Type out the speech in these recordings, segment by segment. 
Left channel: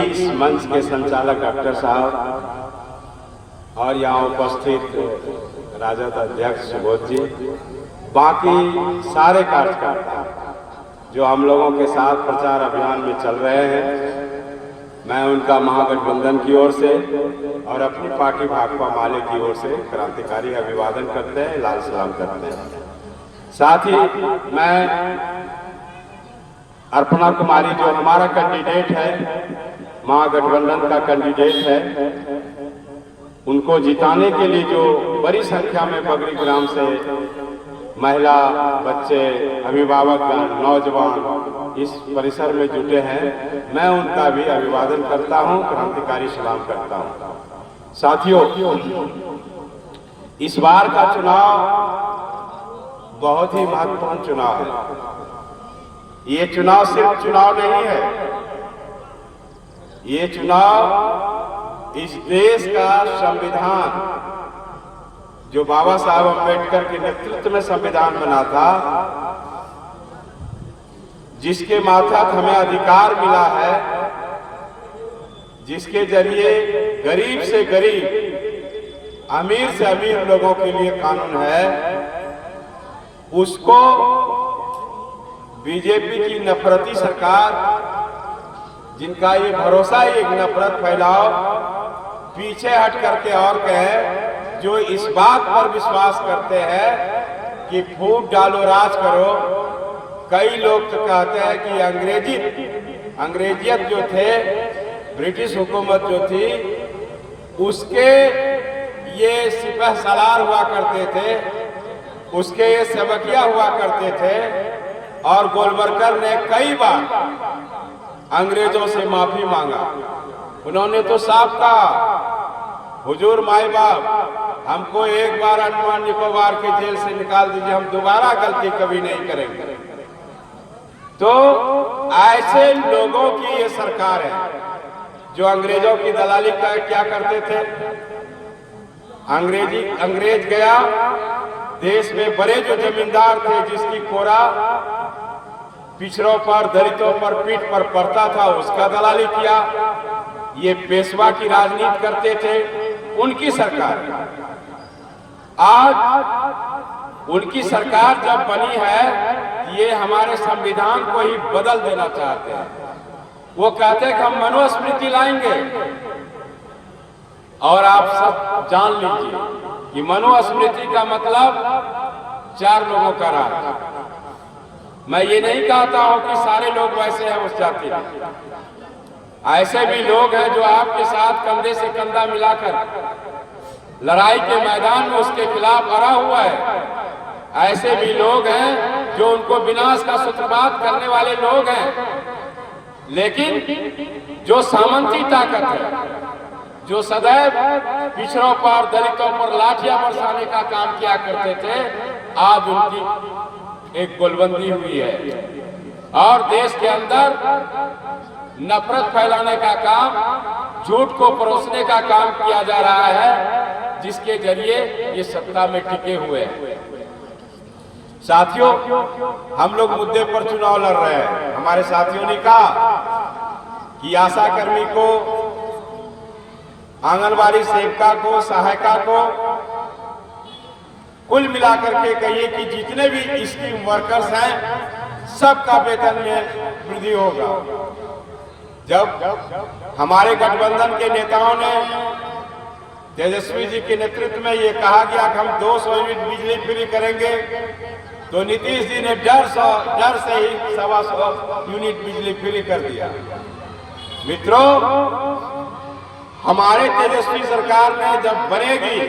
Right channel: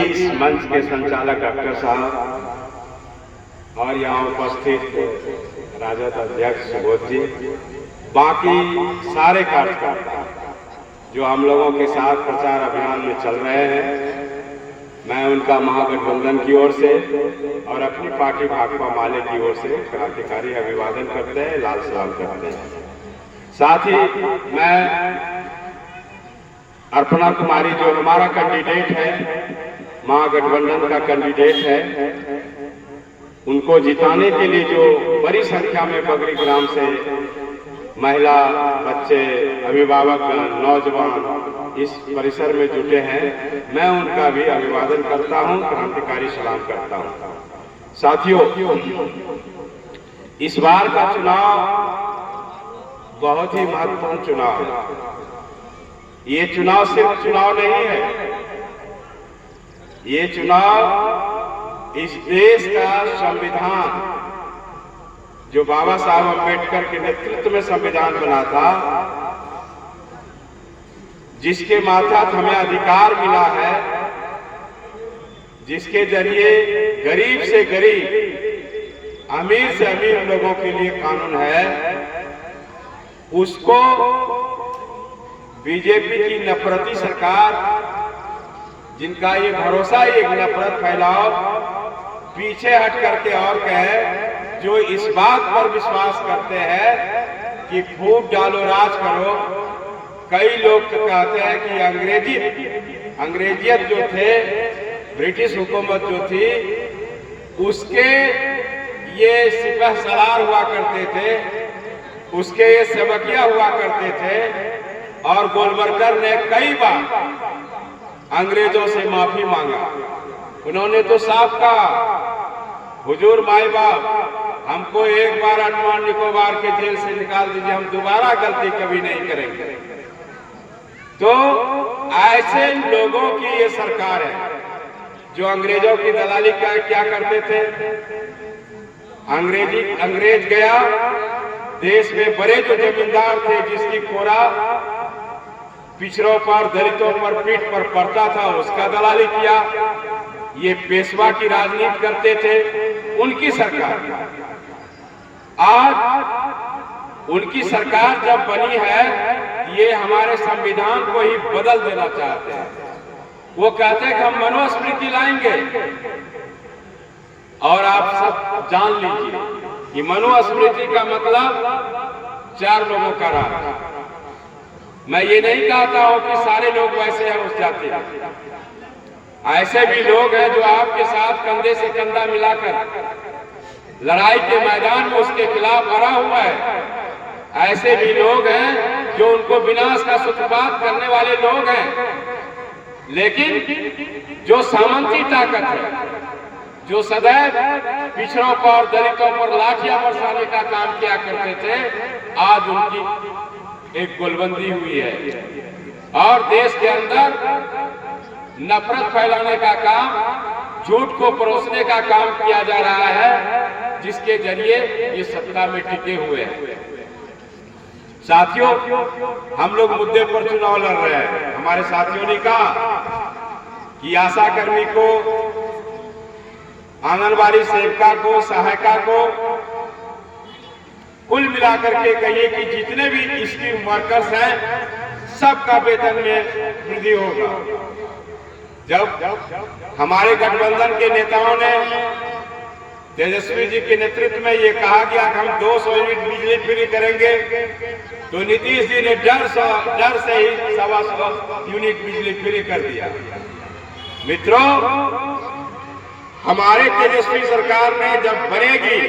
इस मंच के संचालक डॉक्टर साहब और यहाँ उपस्थित राजद अध्यक्ष सुबोध जी, बाकी सारे कार्यकर्ता जो हम लोगों के साथ प्रचार अभियान में चल रहे हैं, मैं उनका महागठबंधन की ओर से और अपनी पार्टी भाकपा माले की ओर से क्रांतिकारी अभिवादन करते हैं, लाल सलाम करते हैं। साथ ही मैं अर्पणा कुमारी जो हमारा कैंडिडेट है, महागठबंधन का कैंडिडेट है, उनको जिताने के लिए जो बड़ी संख्या में बगरी ग्राम से महिला, बच्चे, अभिभावक, नौजवान इस परिसर में जुटे हैं, मैं उनका भी अभिवादन करता हूं, क्रांतिकारी सलाम करता हूं। साथियों, इस बार का चुनाव बहुत ही महत्वपूर्ण चुनाव है। ये चुनाव सिर्फ चुनाव नहीं है, ये चुनाव इस देश का संविधान जो बाबा साहब अम्बेडकर के नेतृत्व में संविधान बना था, जिसके मातहत हमें अधिकार मिला है, जिसके जरिए गरीब से गरीब, अमीर से अमीर लोगों के लिए कानून है, उसको बीजेपी की नफरती सरकार, जिनका ये भरोसा एक नफरत फैलाओ, पीछे हट करके और कहे, जो इस बात पर विश्वास करते हैं कि फूट डालो राज करो। कई लोग तो कहते हैं कि अंग्रेजियत जो थे, ब्रिटिश हुकूमत जो थी, उसके ये सिपह सलार हुआ करते थे, उसके ये सबकिया हुआ करते थे, और गोलवरकर ने कई बार अंग्रेजों से माफी मांगा। उन्होंने तो साफ कहा, हुजूर माई बाप, हमको एक बार अंडमान निकोबार के जेल से निकाल दीजिए, हम दोबारा गलती कभी नहीं करेंगे। तो ऐसे लोगों की ये सरकार है जो अंग्रेजों की दलाली का क्या करते थे। अंग्रेज गया, देश में बड़े जो जमींदार थे, जिसकी कोरा पिछड़ों पर, दलितों पर, पीठ पर पड़ता था, उसका दलाली किया। ये पेशवा की राजनीति करते थे, उनकी सरकार। आज उनकी सरकार जब बनी है, ये हमारे संविधान को ही बदल देना चाहते हैं। वो कहते हैं कि हम मनुस्मृति लाएंगे, और आप सब जान लीजिए कि मनुस्मृति का मतलब 4 लोगों का राज। मैं ये नहीं कहता हूं कि सारे लोग वैसे हैं उस जाति में, ऐसे भी लोग हैं जो आपके साथ कंधे से कंधा मिलाकर लड़ाई के मैदान में उसके खिलाफ अड़ा हुआ है। ऐसे भी लोग हैं जो उनको विनाश का सूत्रपात करने वाले लोग हैं। लेकिन जो सामंती ताकत है, जो सदैव पिछड़ों पर, दलितों पर लाठियां बरसाने का काम किया करते थे, आज उनकी एक गोलबंदी हुई है, और देश के अंदर नफरत फैलाने का काम, झूठ को परोसने का काम किया जा रहा है, जिसके जरिए ये सत्ता में टिके हुए हैं। साथियों, हम लोग मुद्दे पर चुनाव लड़ रहे हैं। हमारे साथियों ने कहा कि आशा कर्मी को, आंगनबाड़ी सेविका को, सहायिका को, कुल मिलाकर के कहिए कि जितने भी स्कीम वर्कर्स हैं, सबका वेतन में वृद्धि होगा। जब हमारे गठबंधन के नेताओं ने, तेजस्वी जी के नेतृत्व में ये कहा गया कि हम 200 यूनिट बिजली फ्री करेंगे, तो नीतीश जी ने डर से ही 125 यूनिट बिजली फ्री कर दिया। मित्रों, हमारे तेजस्वी सरकार ने जब बनेगी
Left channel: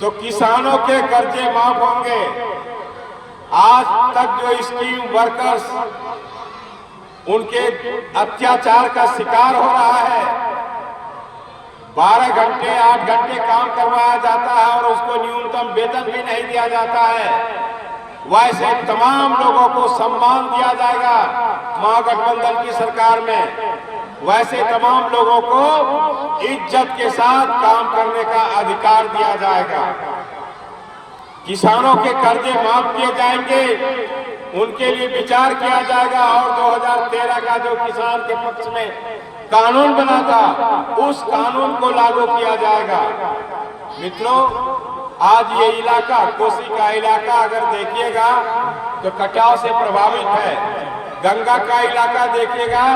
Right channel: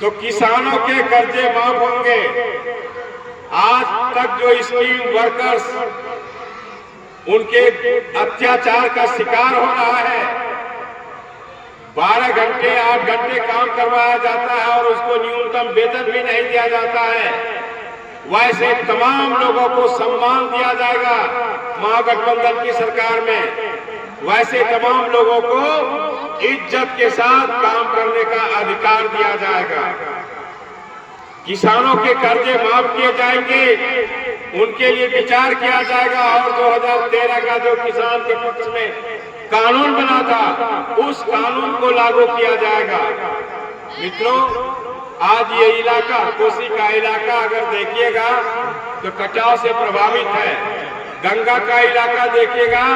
तो किसानों के कर्जे माफ होंगे। आज तक जो स्कीम वर्कर्स उनके अत्याचार का शिकार हो रहा है, 12 घंटे 8 घंटे काम करवाया जाता है और उसको न्यूनतम वेतन भी नहीं दिया जाता है, वैसे तमाम लोगों को सम्मान दिया जाएगा महागठबंधन की सरकार में। वैसे तमाम लोगों को इज्जत के साथ काम करने का अधिकार दिया जाएगा। किसानों के कर्जे माफ किए जाएंगे, उनके लिए विचार किया जाएगा और 2013 का जो किसान के पक्ष में कानून बना था उस कानून को लागू किया जाएगा। मित्रों, आज ये इलाका, कोसी का इलाका अगर देखिएगा तो कटाव से प्रभावित है। गंगा का इलाका देखिएगा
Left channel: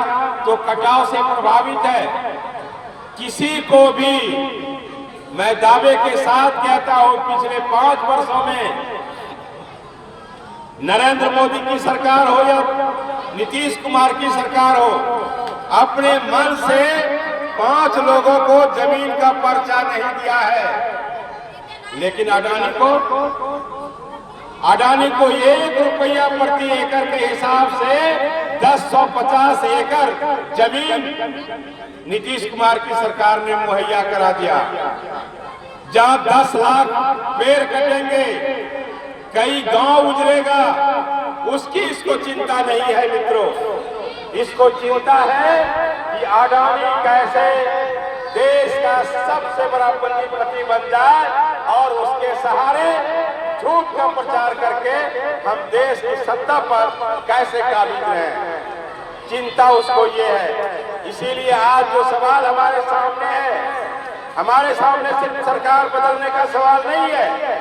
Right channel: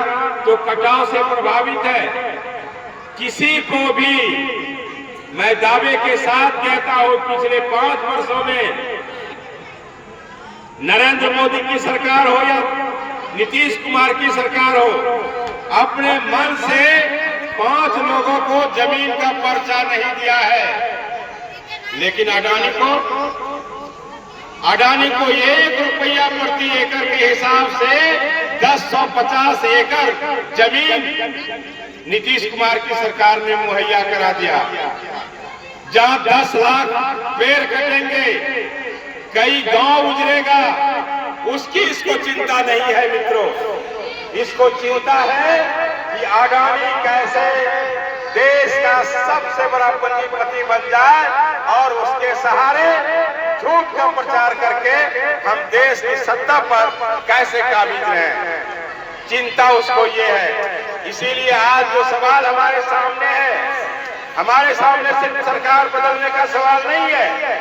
तो कटाव से प्रभावित है। किसी को भी मैं दावे के साथ कहता हूं, पिछले 5 वर्षों में नरेंद्र मोदी की सरकार हो या नीतीश कुमार की सरकार हो, अपने मन से 5 लोगों को जमीन का पर्चा नहीं दिया है। लेकिन अडानी को 1 रुपया प्रति एकड़ के हिसाब से 1050 एकड़ जमीन नीतीश कुमार की सरकार ने मुहैया करा दिया। जहां 10 लाख पेड़ कटेंगे, कई गांव उजड़ेगा, उसकी इसको चिंता नहीं है। मित्रों, इसको चिंता है कि अडानी कैसे देश का सबसे बड़ा पूंजीपति बन जाए और उसके सहारे झूठ का प्रचार करके हम देश की सत्ता पर कैसे काबिज रहें, चिंता उसको ये है। इसीलिए आज जो सवाल हमारे सामने है, हमारे सामने सिर्फ सरकार बदलने का सवाल नहीं है,